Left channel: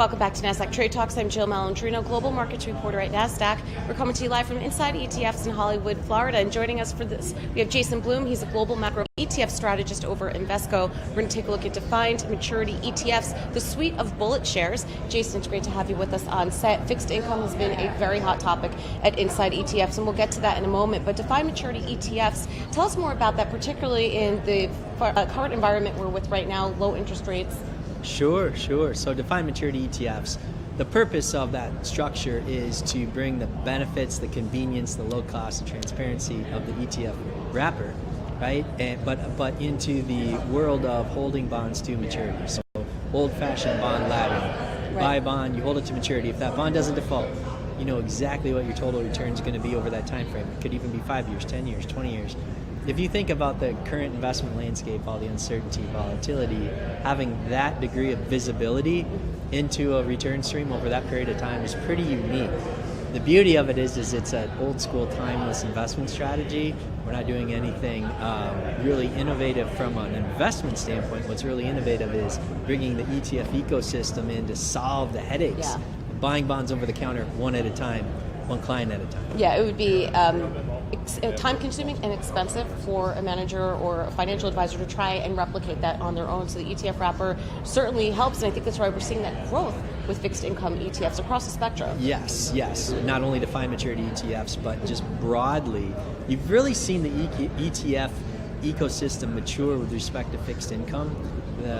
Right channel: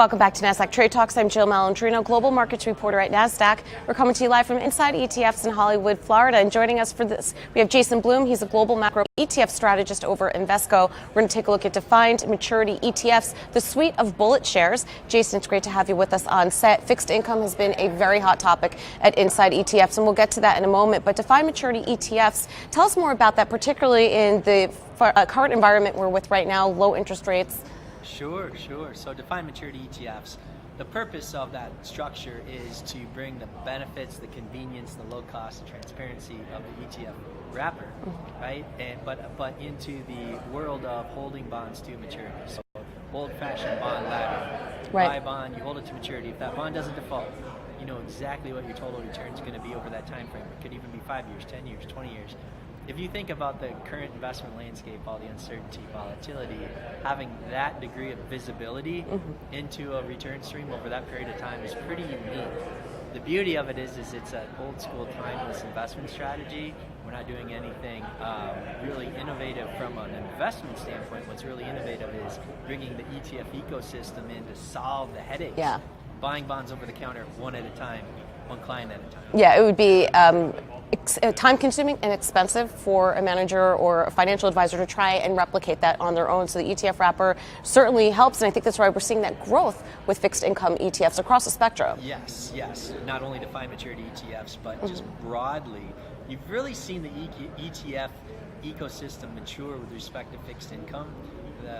Welcome back to Nasdaq Trade Talks. I'm Jill Malandrino, global markets reporter at Nasdaq. We're coming to you live from Inside ETFs in Hollywood, Florida. And joining us for this, we have Jason Bloom. He's a global macro ETF strategist over at Invesco. We're going to take a look at defined maturity ETFs, the suite of BulletShares. Jason, it's great to have you with us on set. Fixed income has been a very hot topic at Inside ETFs, and we'll get to that in a moment. But defined maturity ETFs, tell us more about that, particularly in the current environment we're with right now, low interest rates. Sure. So defined maturity ETFs, the purpose of that structure is to bring the benefits, the convenience, the low cost, and transparency of the ETF wrapper, right? But into the world of holding bonds to maturity. So old-fashioned bond ladder. Right. Buy a bond, you hold it to maturity. If that bond doesn't default, you know exactly what your total return is going to be over that time frame. It could even be 5 years, 10 years, 20 years. If you think about the current investment landscape, all the uncertainty, volatility, having that degree of visibility into a return stream over that period of time is pretty unique. The beauty of it is it's an old school, timeless investment strategy. We're not doing anything really innovative from an investment standpoint. What's really innovative is bringing the ETF ecosystem in to solve the headaches. Yeah. Buying bonds over the counter one at a time, one client at a time. Yeah, it would be time-consuming and expensive for a manager or a financial advisor to try and replicate that on their own. So the ETF wrapper certainly helps, and I think that's why we're seeing that growth with fixed income ETFs across the spectrum. Yes. Not only defined maturity ETFs, but just broadly, you've really seen the ETF ecosystem mature with respect to fixed income.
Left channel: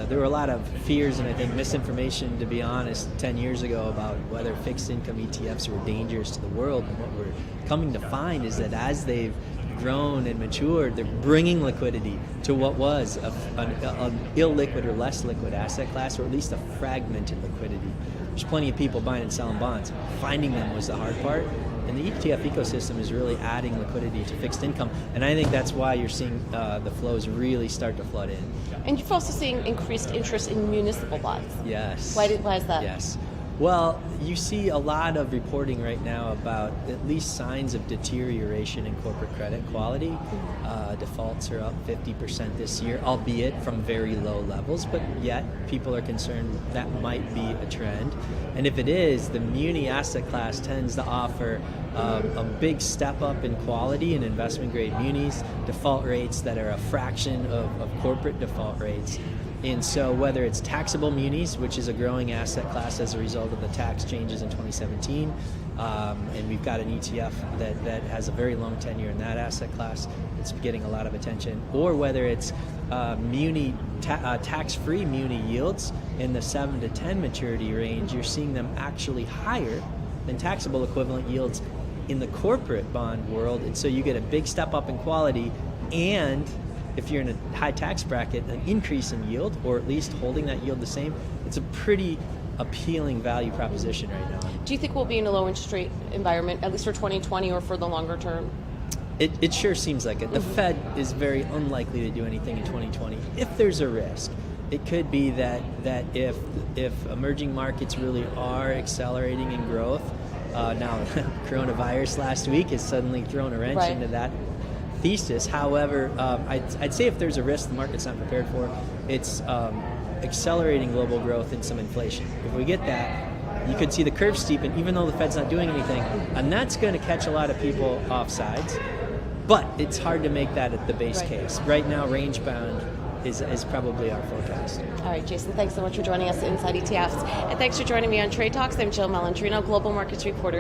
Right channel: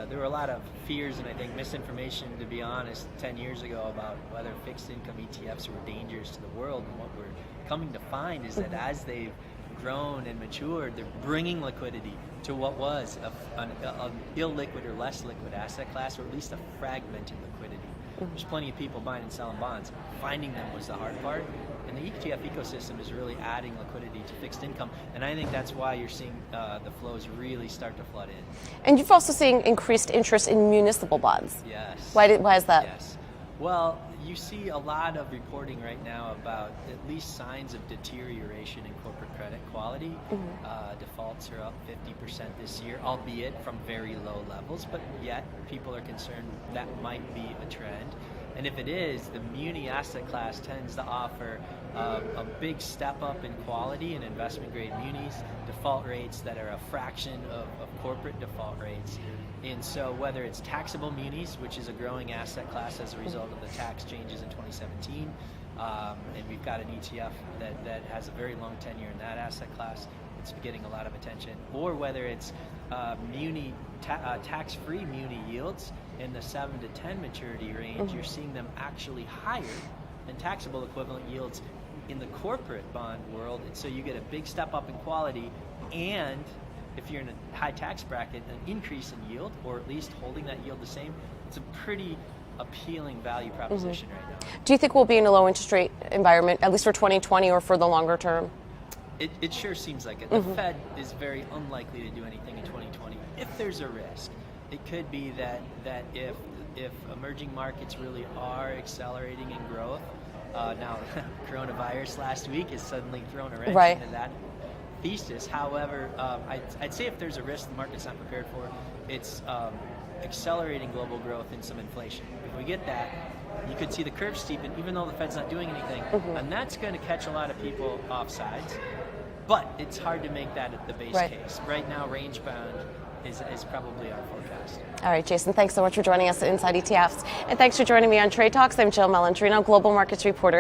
There were a lot of fears and I think misinformation, to be honest, 10 years ago about whether fixed income ETFs were dangerous to the world. And what we're coming to find is that as they've grown and matured, they're bringing liquidity to what was an illiquid or less liquid asset class, or at least a fragmented liquidity. There's plenty of people buying and selling bonds. Finding them was the hard part. And the ETF ecosystem is really adding liquidity to fixed income. And I think that's why you're seeing the flows really start to flood in. And you've also seen increased interest in municipal bonds. Yes. Why is that? Yes. Well, you see a lot of reporting right now about at least signs of deterioration in corporate credit quality. Defaults are up 50% this year, albeit from very low levels, but yet people are concerned that might be a trend. And if it is, the muni asset class tends to offer a big step up in quality in investment grade munis, default rates that are a fraction of corporate default rates. And so whether it's taxable munis, which is a growing asset class as a result of the tax changes in 2017, and we've got an ETF that has a very long tenure in that asset class, it's getting a lot of attention, or whether it's tax-free muni yields in the 7 to 10 maturity range, you're seeing them actually higher than taxable equivalent yields in the corporate bond world. And so you get a big step up in quality, and if you're in a high tax bracket, an increase in yield, or at least holding that yield the same. It's a pretty appealing value proposition right now. Do you think we'll be in a low interest rate environment, at least for 2020 or for the longer term? It sure seems like it. The Fed is very unlikely to do anything in 2020. If there's a risk, it could be that if emerging markets really are accelerating in growth, now coronavirus last week has suddenly thrown a wrench into that thesis. However, I'd say if there's a risk the market's not prepared for, it's accelerating global growth and some inflation. If we get that, you could see the curve steepen even though the Fed's not doing anything, and that's going to catch a lot of people off sides. But it's hard to make that at the base case. Right now, range bound is probably our forecast. All right, Jason, thanks so much for joining us at Inside ETFs. And thanks for joining me on Trade Talks. I'm Jill Malandrino, global markets reporter.